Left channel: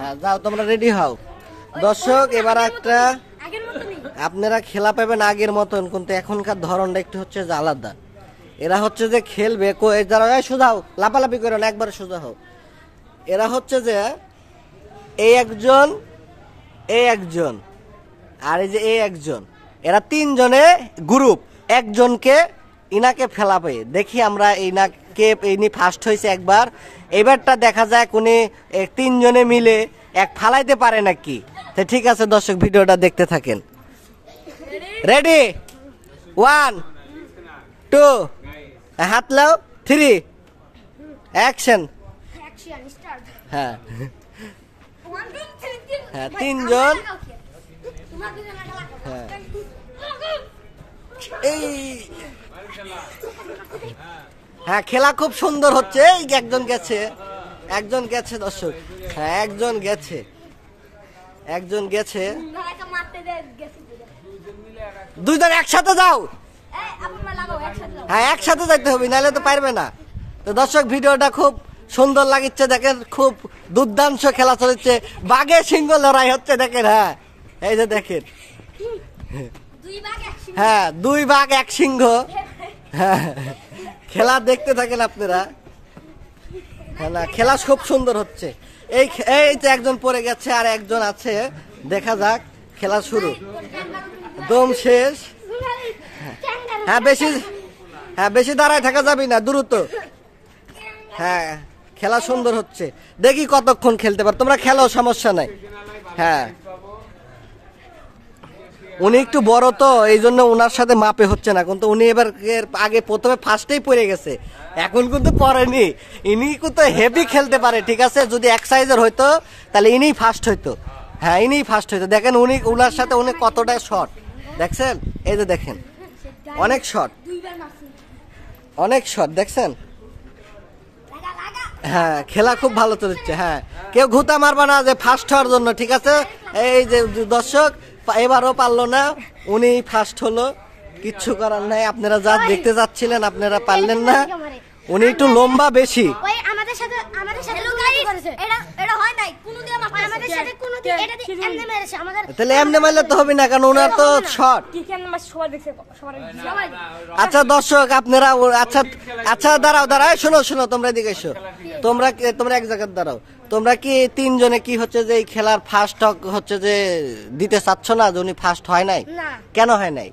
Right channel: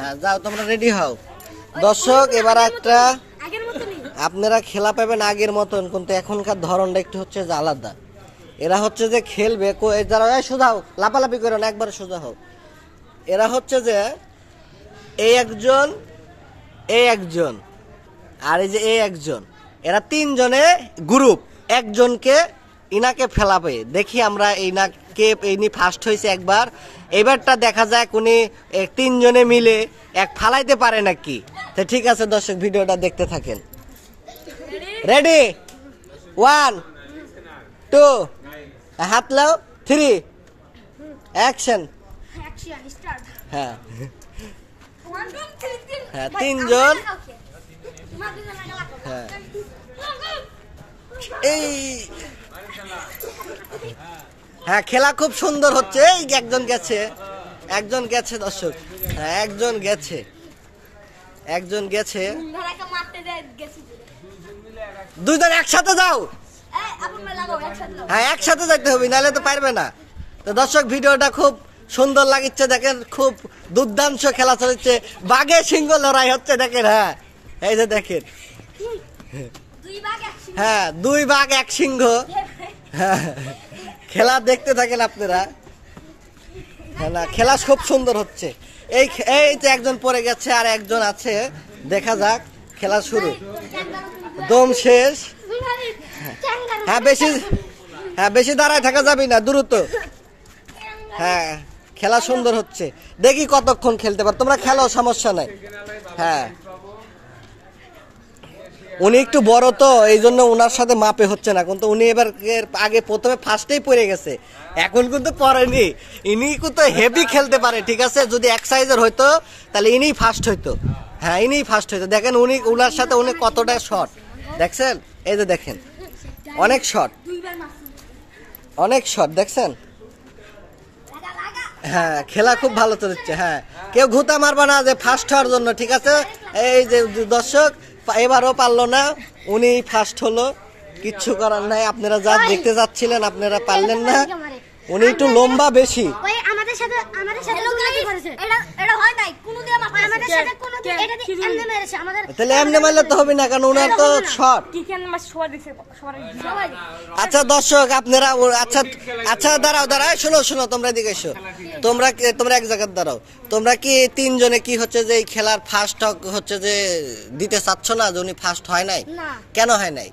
হ্যাঁ যাও তোমরা রেডি হও দর্শক। এবার একটা আপনারা খেলা পাবেন আগের মতন, কিন্তু এখনকার ধরনটা একটু হচ্ছে যে আলাদা। এরা হচ্ছে যে খেলবে যারা সোজা হোক, লাপালাপি করে না, একবার সোজা হোক। এরা হচ্ছে যে এই একজন আর এই যে এই একজন, এরা তিনজনে গ্রুপ, একজনকে ইনাকে ফেলাবে। দেখি আমরা ইনি ফার্স্ট হয়েছে একবার, এবারটা দেখা যায় উনি তিনজনে মিলে এক ফালাইতে পারে নাকি। তো ঠিক আছে দর্শক, ভিডিওটা দেখতে থাকেন। রেডি 1 2 হাত লাও 3 অ্যাকশন। হ্যাঁ হ্যাঁ তিনজন। হ্যাঁ এই হ্যাঁ খেলা খুব সুন্দর হচ্ছে। এই একজন গেছে দর্শক। হ্যাঁ একজন গেছে। দুইজন একসাথে যাও। হ্যাঁ একসাথে যাইতে হবে, নাহলে তো পারবে না। তো দর্শক ভিডিওটা খুব সুন্দর লাগছে, দেখেন খুব দুর্দান্ত খেলা চলছে, বাঘে সিংহ লড়াই হচ্ছে দেখেন। হ্যাঁ এই যে দেখেন, হ্যাঁ 2 বাঘ 1 সিংহ। হ্যাঁ খেলা দেখতে থাকেন আপনারা। খেলা খুব সুন্দর হচ্ছে। এই তো একজন পড়ে গেছে আর একজন আছে, দেখা যাক। খেলা শুরু, দম শেষ। হ্যাঁ বেশি দাঁড়ায় থাকা যাবে না, দ্রুত। হ্যাঁ খেলা সুন্দর হচ্ছে, দেখি কতক্ষণ খেলতে পারো তোমরা, খেলো সমস্যা নাই। হ্যাঁ উনি একটু বড় তো এই জন্য উনার সাথে মাপে হচ্ছে না, কিন্তু উনি এবার আগে প্রথমে ফার্স্টেই পড়ে গেছে, এখন কিন্তু পড়েনি। ইনি কিন্তু হেভি খেলতে পারে, ঠিক আছে। যদি এক সাইজের হইতো তাহলে ইনি ফার্স্ট হইতো। হ্যাঁ ইনি ফার্স্ট হইতো। দেখেন উনার সাথে উনি কতটা শট দেখছেন, এই যে দেখেন অনেক শট দেখছেন। হ্যাঁ খেলা খুব ভালো চলছে। হ্যাঁ কেউ ঘুতা মারবে না যে ফার্স্ট হওয়ার জন্য, ঠিক আছে। এই যে দর্শক এবারও পারলো না, উনি ফার্স্ট হলো, কিচ্ছু করার নাই। আপনারা যা দেখতে যাচ্ছিলেন আপনারা পারলেন না, উনি একটু লম্বা বেশি। তাহলে এমনি মারলে তো হবে না, কারণ ওনার তো শট। আচ্ছা দর্শক আপনারা আচ্ছা দাঁড়াও শোনো তোমরা এদিকে এসো। তোমরা এক জায়গায় দাঁড়াও। তোমরা কি তিনজনে কি হচ্ছে যে এই খেলার ফার্স্ট হচ্ছে যে দিতে চাচ্ছ না, যে উনি ফার্স্ট হয় নাই? কেন হয় নাই?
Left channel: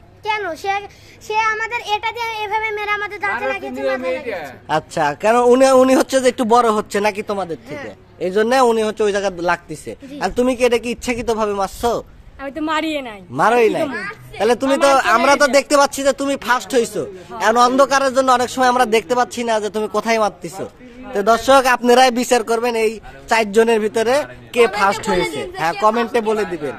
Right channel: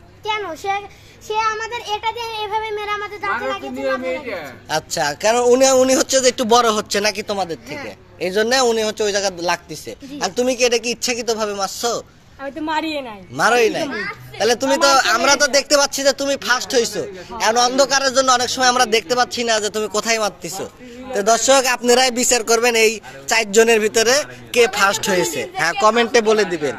সে আমাদের এটা দিয়ে এভাবে মেরে আমাদের দাঁতে লাগিয়েছে। আচ্ছা কেন উনি হচ্ছে যে একটু বড় হচ্ছে নাকি তোমাদের থেকে, এই জন্য উনি হচ্ছে ওই জায়গায় লাগতেছে। আর তুমি কি এটা কি ইচ্ছাকৃত ভাবে মারছো? আমি তো মারোই নাই। তাহলে তুমি তো, আমরা তো দেখতে পাচ্ছি যে তুমি ফার্স্ট হইছো, এখন অন্ধকারের জন্য অনেক সময় আমরা দেখতে পাচ্ছি না যে তুমি কোথায় মারতেছো। তো দর্শক আপনারাই বিচার করবেন এই 4 জনের ভিতরে কে ফার্স্ট হয়েছে। হ্যাঁ কমেন্টে বলে দিবেন।